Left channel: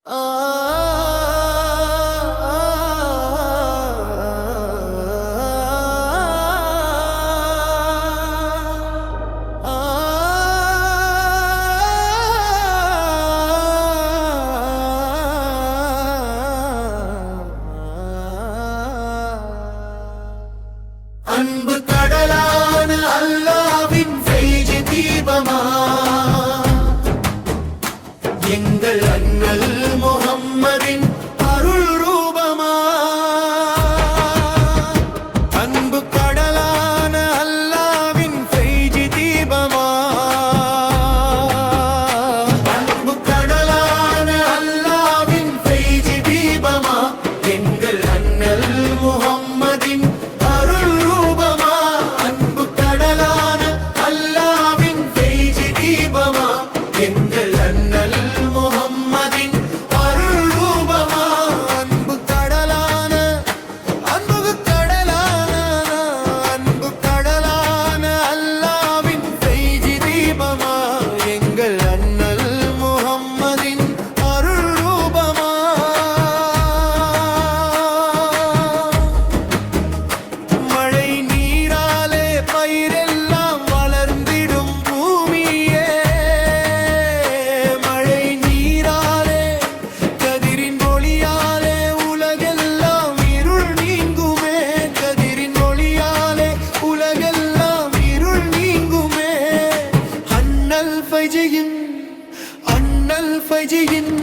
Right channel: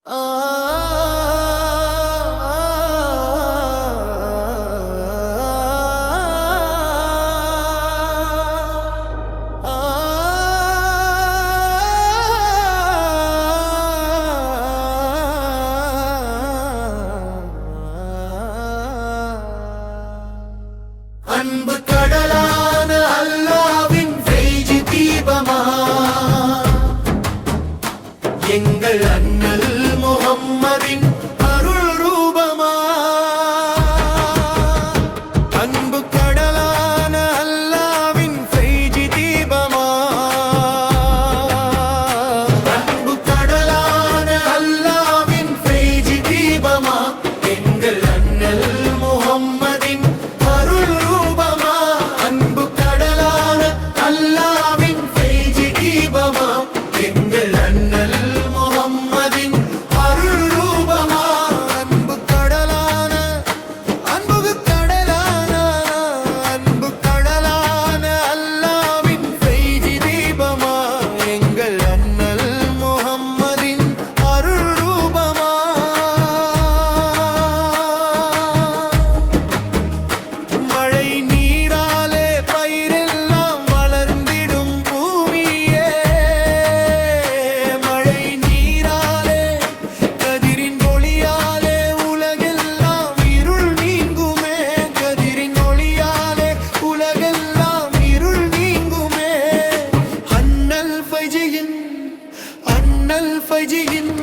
அன்பு கடலான அல்லாவின் ஃபெய்ஜ் தீபமா, எங்கள் அண்ணல் முஹம்மதின் அருள் ரூபமா. அன்பு கடலான அல்லாவின் ஃபெய்ஜ் தீபமா, அன்பு கடலான அல்லாவின் ஃபெய்ஜ் தீபமா, எங்கள் அண்ணல் முஹம்மதின் அருள் ரூபமா. அன்பு கடலான அல்லாவின் ஃபெய்ஜ் தீபமா, எங்கள் அண்ணல் முஹம்மதின் அருள் ரூபமா. அன்பு கடலான அன்பு கடலான அன்பு கடலான அல்லாவின் ஃபெய்ஜ் தீபமா, எங்கள் அண்ணல் முஹம்மதின் அருள் ரூபமா. மழை நீராலே பயிரெல்லாம் வளர்ந்திடும் பூமியே, மழை நீராலே கதிரின் ஒளியாலே உலகெல்லாம் இருள் நீங்குமே, கதிரின் ஒளியாலே உலகெல்லாம் இருள் நீங்குமே. அண்ணல் ஃபைஜியின்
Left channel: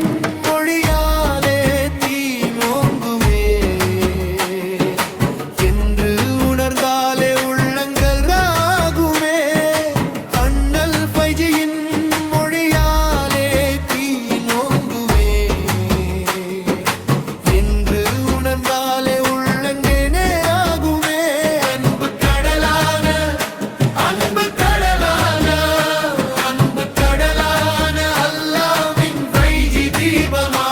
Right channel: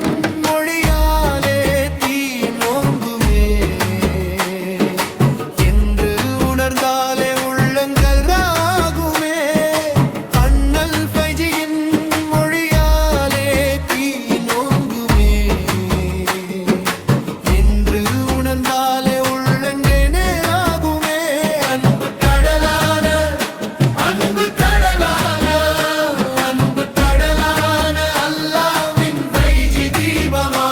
மொழியாலே தீ நோங்குமே என்று உணர்ந்தாலே உள்ளங்கள் ராகுமே. அண்ணல் ஃபைஜியின் மொழியாலே தீ நோங்குமே என்று உணர்ந்தாலே உள்ளங்கே நேராகுமே. அன்பு கடலான அன்பு கடலான அன்பு கடலான அல்லாவின் ஃபெய்ஜ் தீபமா,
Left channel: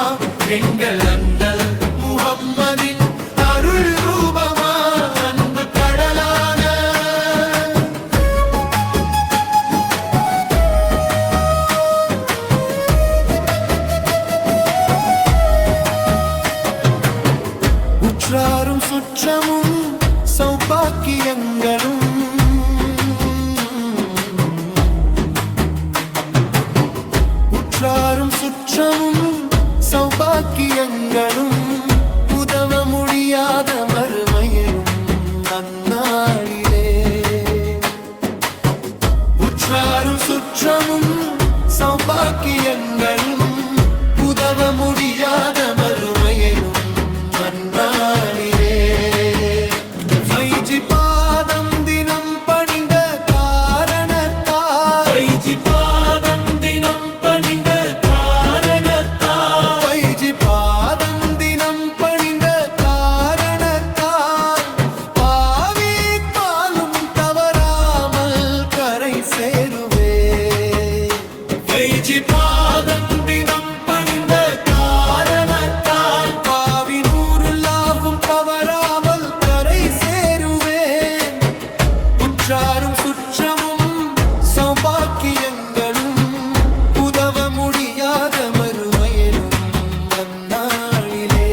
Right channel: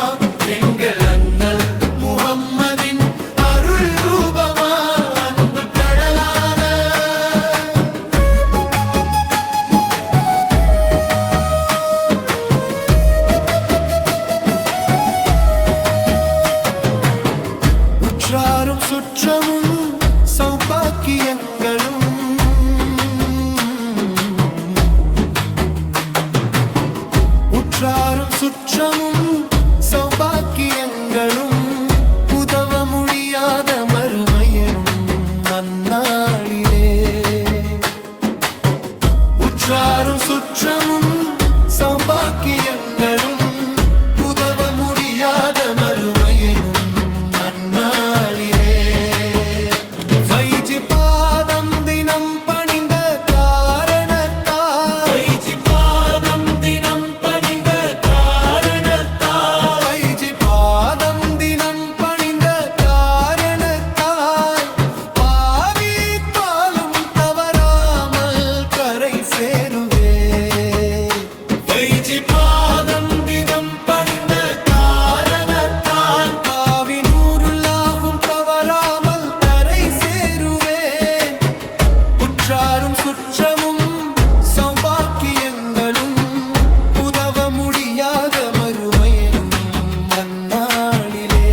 எங்கள் அண்ணல் முஹம்மதின் அருள் ரூபமா. அன்பு கடலான உற்றாரும் சுற்றமும் சௌபாக்கியங்களும், உற்றாரும் சுற்றமும் சௌபாக்கியங்களும், உதவ முடியாத மறுமையனும் அந்நாளிலே. உற்றாரும் சுற்றமும் சௌபாக்கியங்களும், உதவ முடியாத மறுமையனும் அந்நாளிலே. ஃபெய்ஜ் பாதம் தினம் பணிந்த காரணத்தால், ஃபெய்ஜ் பாதம் தினம் பணிந்த காரணத்தால், ஃபெய்ஜ் பாதம் தினம் பணிந்த காரணத்தால், பாவி பாலும் தவறாமல் கரை சேருவே. ஃபெய்ஜ் பாதம் தினம் பணிந்த காரணத்தால், பாவி நூறுல்லாவும் தவறாமல் கரை சேருவேன். உற்றாரும் சுற்றமும் சௌபாக்கியங்களும், உதவ முடியாத மறுமையனும் அந்நாளிலே.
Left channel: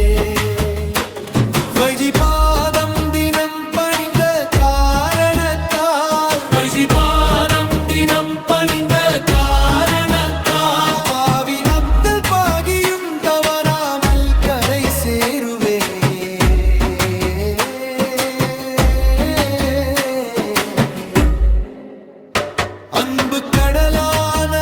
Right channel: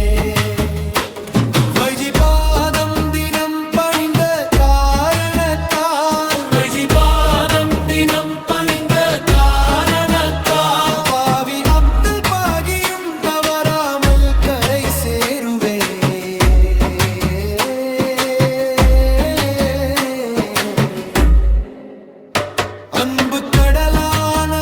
ஃபெய்ஜ் பாதம் தினம் பணிந்த காரணத்தால், ஃபெய்ஜ் பாதம் தினம் பணிந்த காரணத்தால், பாவி அப்துல் பாகியும் தவறாமல் கரை சேருவே. அன்பு கடலான